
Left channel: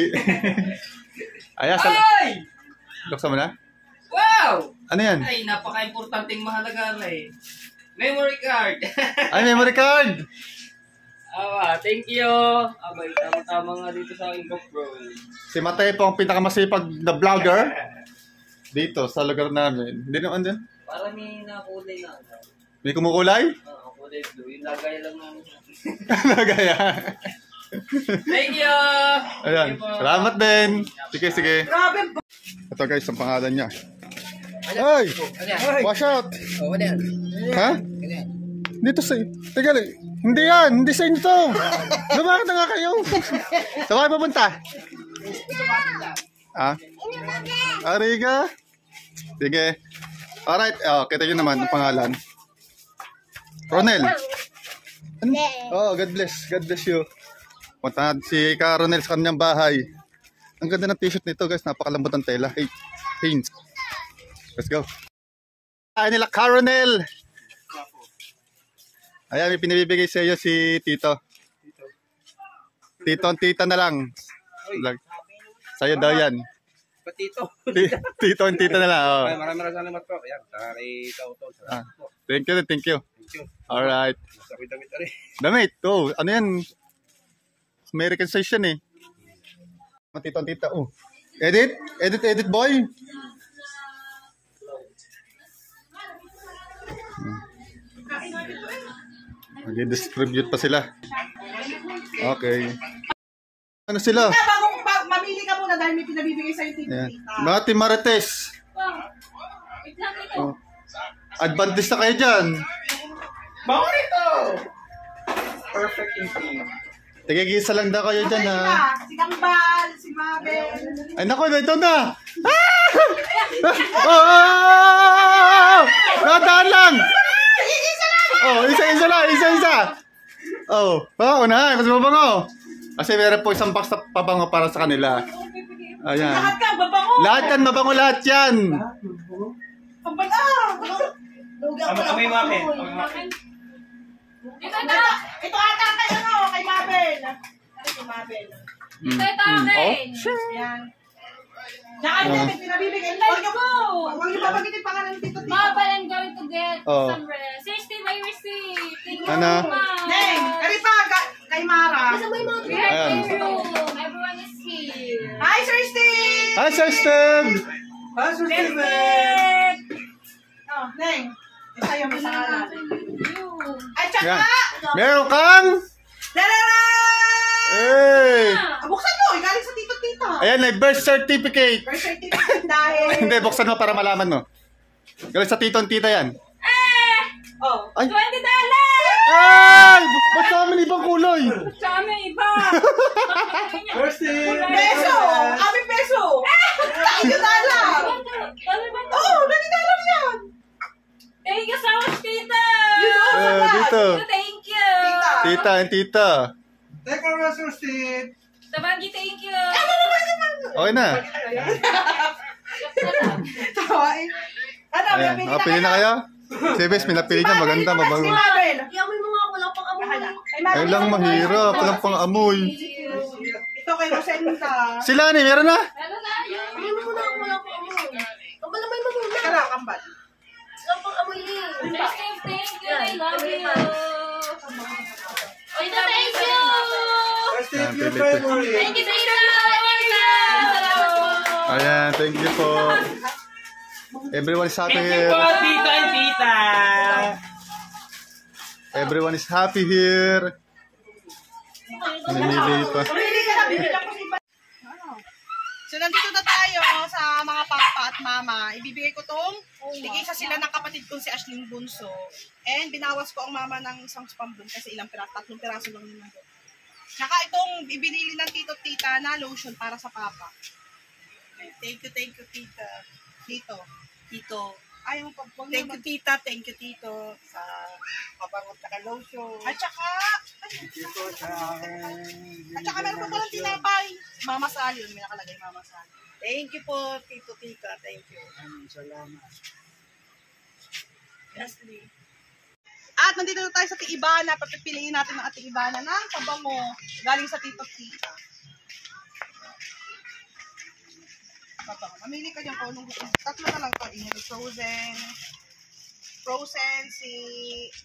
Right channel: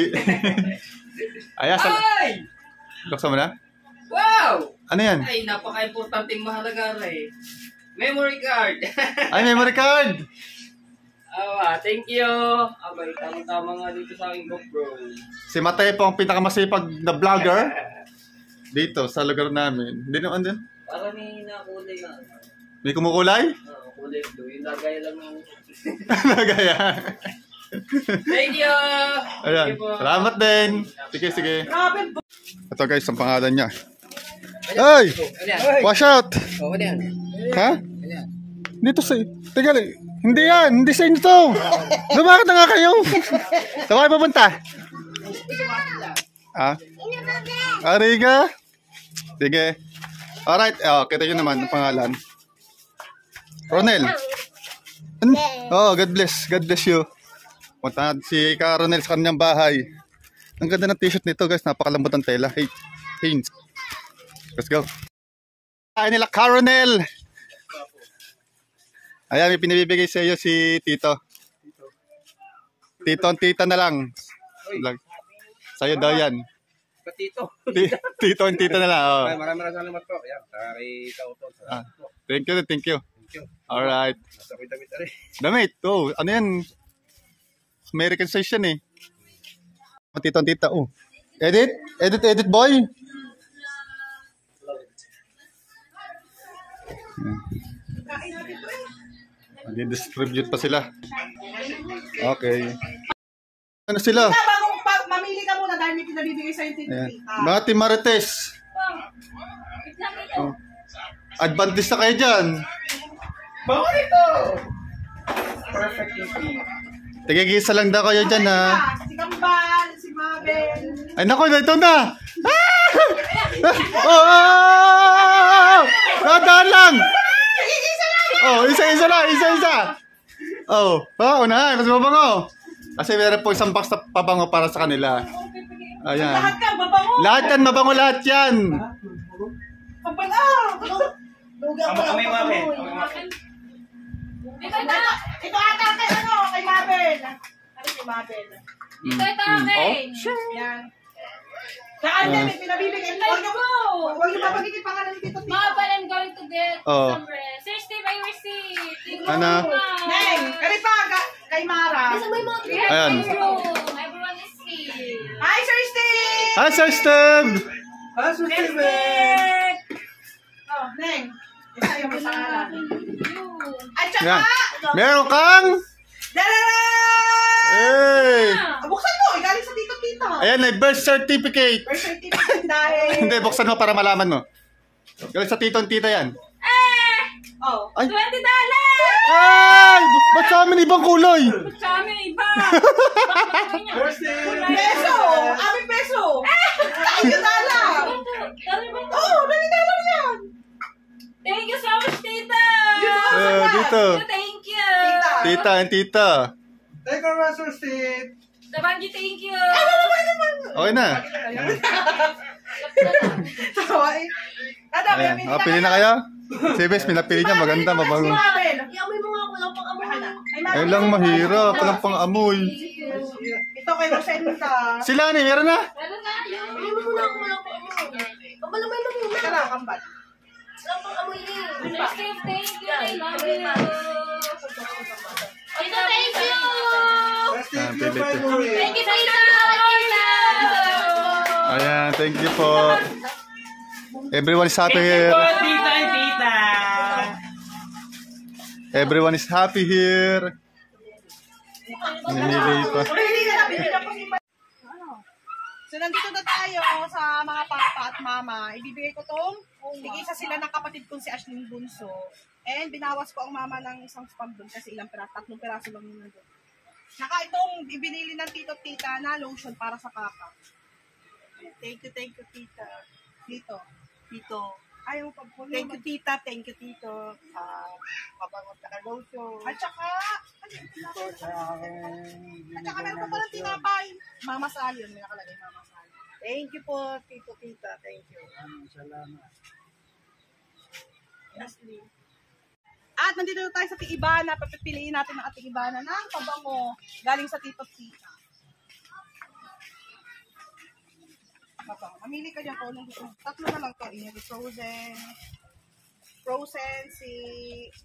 Ayan, Ay! Buksan mo na? Wow! Ano yan? Ay, napaka-importanting mahalaga na eh. Memory card. Ay, memory card! Thank you. Abay, tama-tama nga dito sa aking GoPro. Si Matepo ang pinakamasipag na vlogger dito sa lugar namin. Hindi naman din. Para may nakulay na. May kumukulay? Kulay blue. Yung lagay lang namin. Nagaya. Thank you. Ayan. Thank you po. Salamat din. Sige. Grabe. Ito guys, ang pangalan niya. Ay! Wash out! Oh, ano yan? Ha? Dito sa... Teka lang. Hindi yan. Hindi sa inyo to. Lumakad na nga kayo. Saan kayo pupunta? Ha? Ariga? Sige. Alright. Kita nyo naman ang pangalan. Ronel. God bless. God bless you. Punta si Ka Ronel sa kanyang bahay. Ang ganda ng t-shirt nito guys. Napakalambot ng tela. Hey, Haynes. Let's go. Ay nila Ka Ronel. Ayan, may pinibigay sa iyo si Tito. Tito and Tita na lang. Sa'yo daw yan. Patito. Tito and Tita na lang. Oh. Maraming salamat po. Yan, kay Kautol. Thank you. Thank you. Alright. Nasa ko'y damit na rin. Damit. Oh, ano yan? American size yan eh. Tito and Tita. Oh. Edit boy. Mag-distribute pa sila. Okay. Ano sila? Mamili ka muna dahil may pinabibigay sa'yo yung Ayan. tita. Mga Team Marites. Oh. Advantage na kayo dyan. Bango nito! Perfect yung team. Tigigisa lang daw kayo dyan ha. Si Kambal, si Mabel. Ay naku, ito na. Oh! Nadaan lang. Oh, isa-isa lang, isa-isa. Oh, unahan, mas mabango. Kasi meron po isang box na pabango para sa kanila. Ayan. Lahat ka, babango. Lahat yan, mabango lahat yan. Kambal Lugi ako lang. Kami Mabel. Ito na! Ito ata kay Mabel. Ano kay Mabel? Ito akin! Yan. Saan yan, may pinabibigay. Huwag niyo babagitin pangalan ni Tito Tito. Mabel, I'm going to get Oh. some rest. Sir Steve, I receive. Thank you, Ano? Ma'am. Neng, karita kay Mara. Ayan. Everyone is here. Hi, Sir Steve! Hi, Sir Steve. Oh, Neng. Sa'yo may pangalan. Ay, tsaka! Yan. Meron kang... Dadara! Hey! Buksan mo! Galing sa tito-tita. Ayan, may birth certificate. Birth certificate dahil... Hindi, buksan mo para malaman mo. Galing sa tito and tita yan. Oh. Ay! $20! Ay! Ba't sa amin ibang kulay? Sa amin, iba! Peso! Aming peso! $20! Oo, $20 yan! Thank you so much, tita! Dito. Thank you! Tita and tita. Take a restroom seat. Tabanggi, thank you! Okay na. Tawa eh. Ano, Ayan. may Oh, pili na kayo? Si Bes, pinapili niya. Maganda, mabango. Iamoy mo nga ako lang pang amoy. Ay lang, mahirap. Walang pang-amoy. Ito kay Rosenta. Sila ni, meron na? Amoy mo muna ako lang pang amoy. Kabalamay mo muna. Tara, kambal. Lang pang amoy eh. Thank you! I love you! Tita, thank you! Let's Ayan, take your pili ito. favorite. Thank you, tita! Tita! Salamat po! Ayan, thank you po. Everyone is happy Thank you here. po, tita and tita. Everyone is happy here. Namimili pa. So, nandito na tayo sa mga papa at mama. Ibibigay ko tong tigisa sila ng kapatid kong si Ashling Bunso. And binawas ko ang mama ng isang spam doon kasi ilang piraso, 3 piraso lang yun doon. Tsaka itong ibinili ng tito at tita na lotion para sa papa. Thank you, tita. Tito. Ayaw mo pa. Thank you, tita. Thank you, tito. Sa pabangot ka lotion. At saka, Dito sa akin. at saka meron pa palang tinapay. Mama Sally, yun may nakalagay Mama Sally. Thank you po, tito, tita. Thank you. Salamat. Ashley. At nandito na tayo sa Tiibana. Papipiliin natin ang ating Ibana ng pabango galing sa tito at tita. Pabango. Mamili ka dyan kung anong gusto. 3 na lang to. Inili frozen. Frozen, si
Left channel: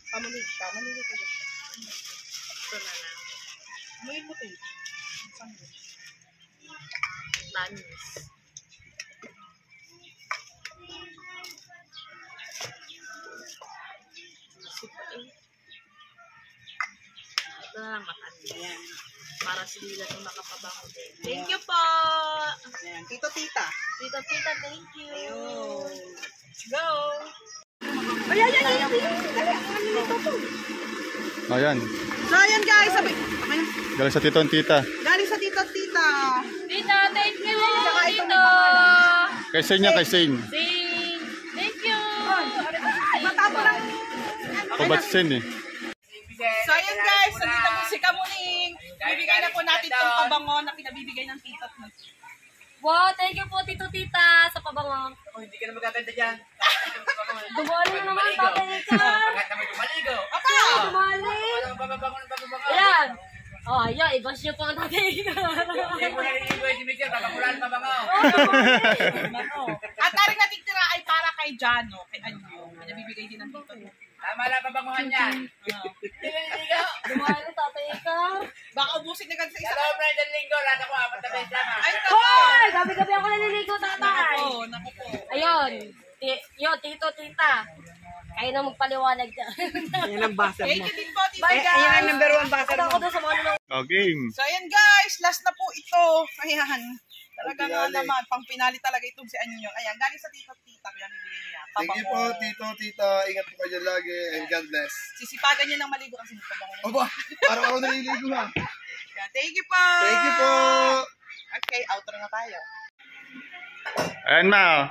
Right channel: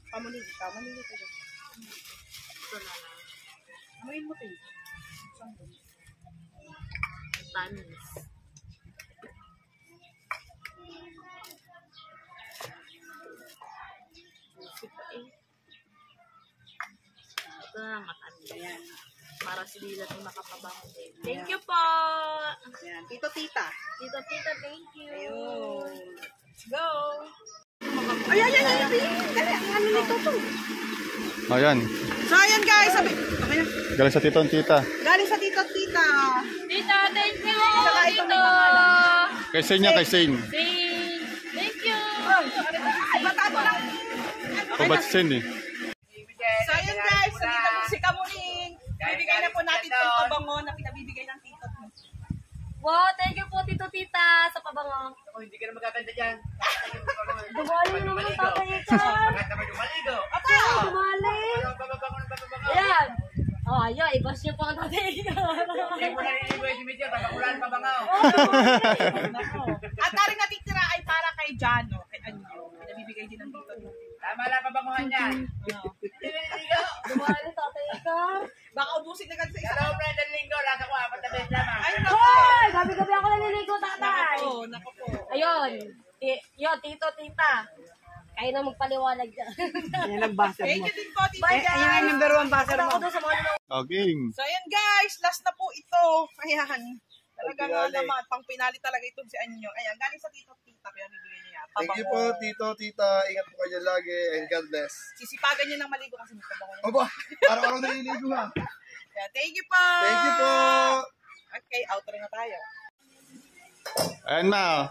pamuli ka. Mamili ka dyan. Ito na lang. Amuin mo to eh. Saan yun? Tanis. Isip pa eh. Ito na lang matanis. Yan. Para sila yung makapabango din. Thank you po! Yan. Tito, tita. Tito, tita, thank you! Ayun. Let's go! Ayan. So, ayan guys. Sabi, okay na. Galing sa tito and tita. Galing sa tito at tita. Tita, thank you! Saka ito Tito! Kay Shane niya, kay Shane. Thank you! O ba't si Shane eh? So, ayan guys. Nandito po si Kamuning. Bibigay na po natin itong pabango na pinabibigay ng tito at tita. Wow, thank you po, tito, tita, sa pabango. Oh, hindi ka na magaganda dyan. Dumali na naman, tatay ka. Bakit naman lumaligo? Dumali. Walang pababango ng pababango. Ayan. Oh, ayan, i-bash niyo po ang tatay ka. Hindi mo naliligo yung Dimitri, pabakulan pabango. At taring natitira ay para kay Jano, kay Anyo. Pinabibigay din ng tito niya. Tama lang pabanguhan yan. Hindi naliligo. Dumali, tatay ka. Baka ubusin na ganun sa Sa isa. loob na yung linggo, lahat ako 4 na beses lang. Ay, Hoy! Gabi-gabi ako naliligo, tatay. Nako po. Ayun. Yo, tito, tita. Kayo na magpaliwanag dyan. Thank you din po, tito. Ayan ang number 1 backer Ako mo. doon sa mga nunong. O, game. So, ayan guys. Last na po ito. Ayan. Talaga nga naman. Pang pinali talaga itong si Anyo. Ayan. Galing sa tito at tita. Pinabibigay niya. Thank you po, tito, tita. Ingat po kayo lagi and God bless. Sisipagan niya ng maligo kasi nagpabango niya. Opo, araw-araw naliligo ha. Kaya, thank you po. Thank you po. Okay, outro na tayo. Ayan ma.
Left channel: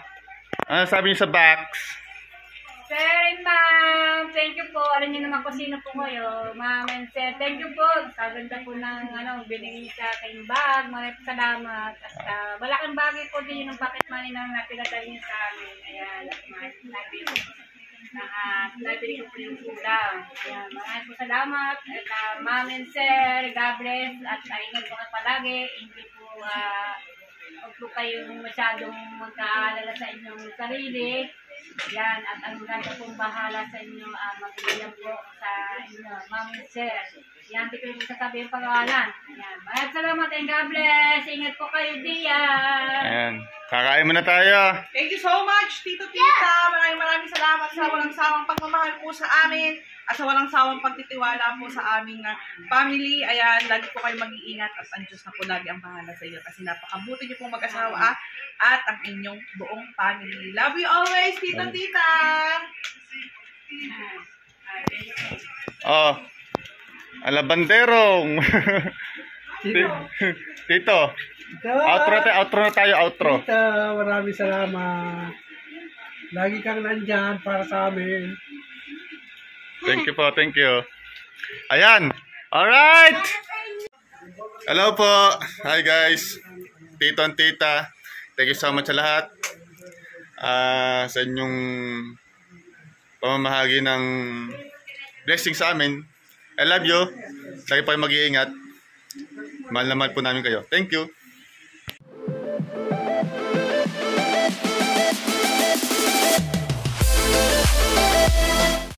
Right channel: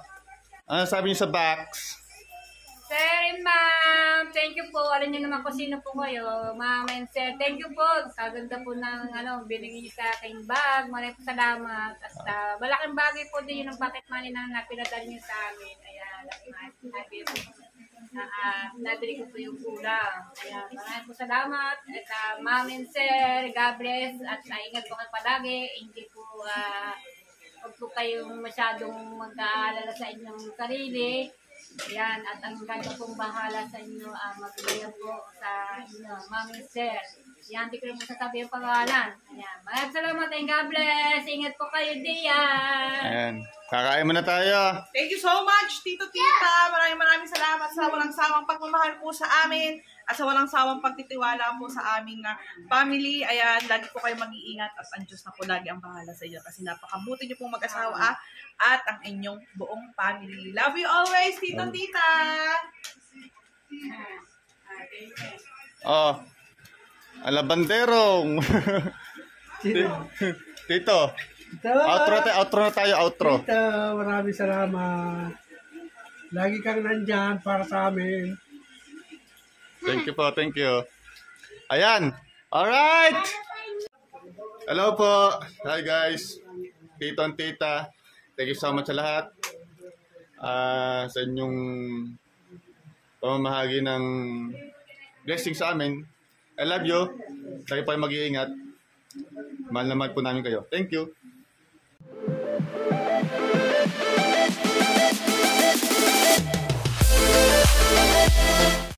Ano sabi niyo sa box? Sir and ma'am, thank you po. Alam niyo naman kung sino po kayo. Ma'am and sir, thank you po. Kaganda po ng binigay sa aking bag. Maraming salamat. At malaking bagay po din yung pocket money na napinadali niyo sa amin. Ayan, nabili ko po yung kulang. Ayan, maraming po salamat. At ma'am and sir, God bless. At ingat po kayo palagi. Hindi po, huwag po kayong masyadong magkaalala sa inyong sarili. Yan, at ang ganda pong bahala sa inyo, magbigyan po sa inyo, Ma'am and Sir. Yan, di ko rin po sasabi yung pangalan. Ayan, maraming salamat and God bless. Ingat po kayo diyan. Ayan. Kakain muna tayo. Thank you so much, Tito Tita. Maraming salamat sa walang sawang pagmamahal po sa amin at sa walang sawang pagtitiwala po sa aming family. Ayan, lagi po kayo mag-iingat at ang Diyos na po lagi ang bahala sa iyo kasi napakabuti niyo pong mag-asawa at ang inyong buong family. Love you always, Tito Tita. Oh. Alabanderong. Tito. Outro na tayo, outro. Tita, maraming salamat. Lagi kang nandyan para sa amin. Thank you po, thank you. Ayan. Alright. Hello po. Hi guys. Tito and Tita. Thank you so much sa lahat. Sa inyong pamamahagi ng blessing sa amin. I love you. Lagi pa kayo mag-iingat. Mahal na mahal po namin kayo. Thank you.